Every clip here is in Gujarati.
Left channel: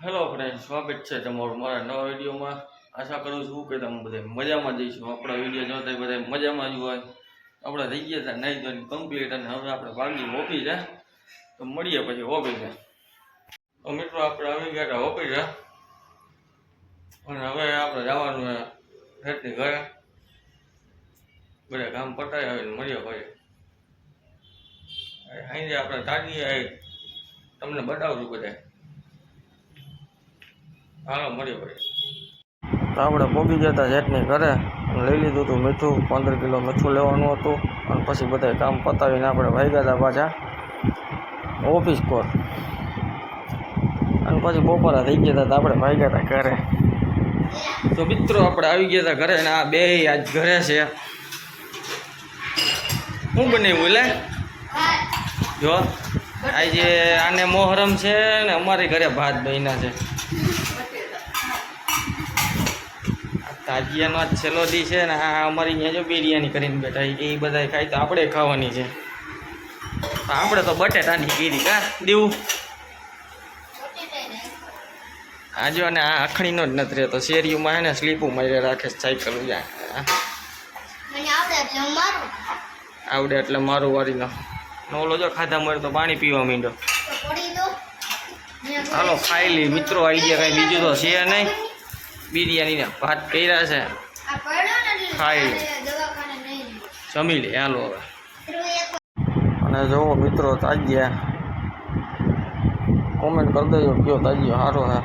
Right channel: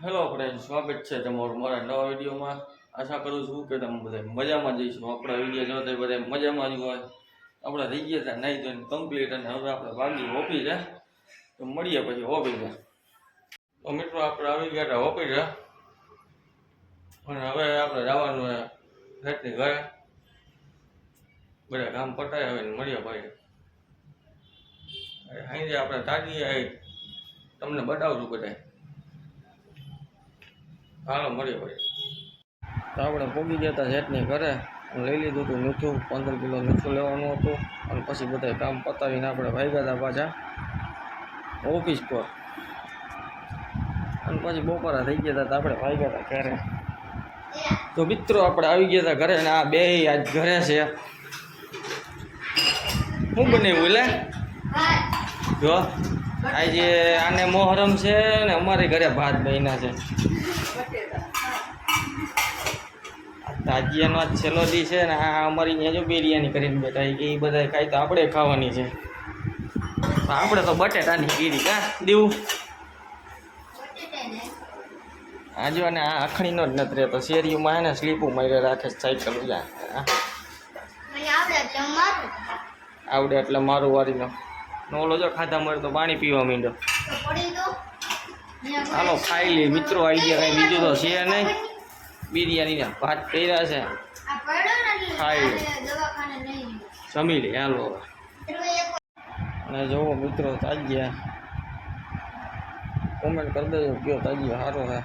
હેલો ફ્રેન્ડ, સ્વાગત છે તમારું મારા નવા વિડીયોમાં। આશા કરું છું કે તમે બધા મજામાં જઈશું। આપણા વિડીયો જોતા બધા મજામાં જ હોય। આપણે થઈ ગયા હતા નહીં ધોઈને કમ્પ્લીટ, અને હવે આપણે ભાગી ઓફિસે। તો મળીએ પછી ઓફિસે। તો મિત્રો આપણે આવી ગયા હતા ઓફિસે, અને હવે આપણે જવાનું રેટની ઘરે। બધા કામ પતાવી આવીને મળીએ ભાઈ। અહીં આપણે તાજીએ તમને બતાવશું બધા। હાલો મળીએ ભાઈ। તો આપણે પહોંચી ગયા હતા જેટની ઘરે, લઈ લીધું હતું મીઠું। 15 કિલો મીઠું લેવાનું હતું, અને પછી બધા કામ પતાવીને આપણે ભાગ્યા હતા પાછા ઓફિસ પર। અને પછી બપોરા થઈ ગયા હતા, આપણે ભાગ્યા હતા ઘરે। તો મિત્રો આપણે આવી ગયા હતા ઘરે, ને આ બે આજ ઘરે છે। શું બનાવ્યું લે જો? આજે આને મોહરમ છે ને અમારી ઘરે ભાત બન્યા છે। તાજિયાનો આજ છેલ્લો દી છે ને, આ અમારી અહીંયા જો બિરયાની કરીને બેઠા એ બધા ખાય તો આપણે ખાવાની છે। આપણે તો બટેટાની કીધી કા દેવું આજો, અને આ અખણીનો જ નથી રહેતો। શેરીઓમાં હે ને સ્લીપું મારી રાખે સાયકલ આવડે એટલે મારું વારીનો ઓલો જો ખાધા મળે તો પાણી પીવા માંડ્યો। હાલો ખાઈ લી મિત્રો, આવી ગયા કાંઈ બીજું તો છે નહીં। બિરયાનીના ભાત કર્યા છે, ખાઈ જમી લે હાલો હવે। અને જુઓ મિત્રો તાજિયા, કોમેન્ટ કરી દેજો કયો તાજિયો સારો છે।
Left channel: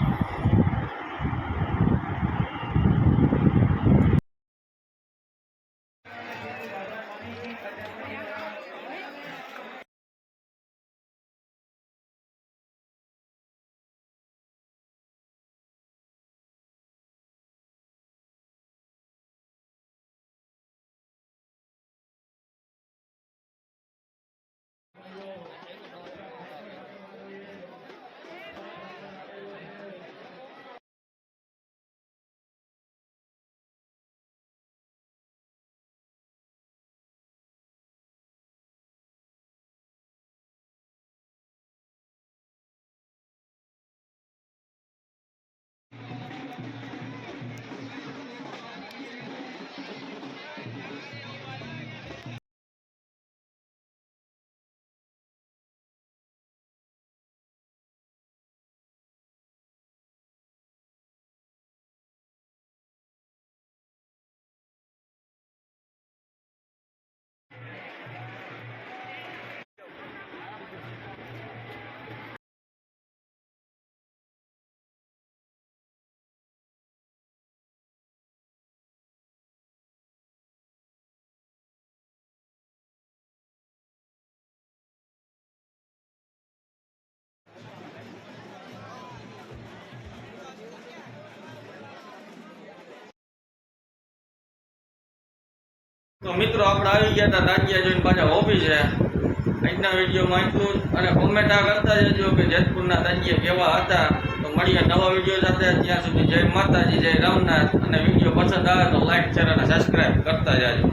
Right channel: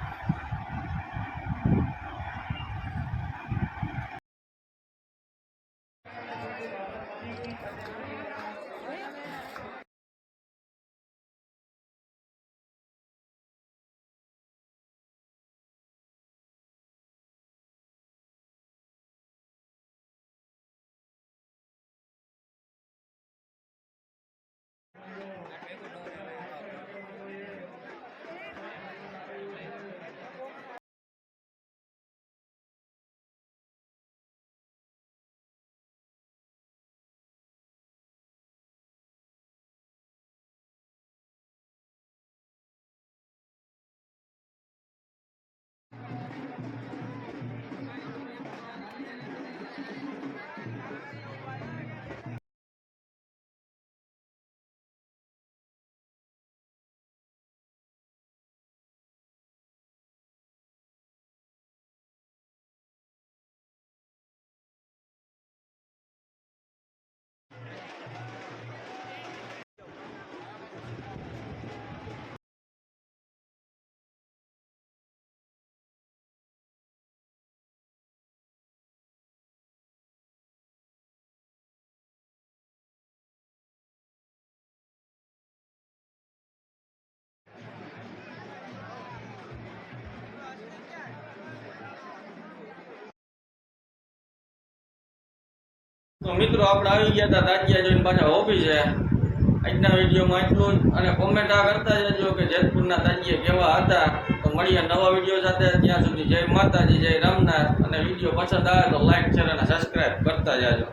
તો મિત્રો આપણે આવી ગયા હતા તાજિયા જોઈને પાછા ઓફિસે। આજના વિડીયોમાં એટલું જ, અને કોમેન્ટ આ કરતા જજો કે જેતપુરના તાજિયા કેવા હતા। તો મળીએ નવા વિડીયો સાથે, ત્યાં સુધી જય માતાજી, જય રામનાથ। અને વિડીયો પસંદ આવે તો લાઈક, શેર અને સબસ્ક્રાઈબ કરતા જાજો।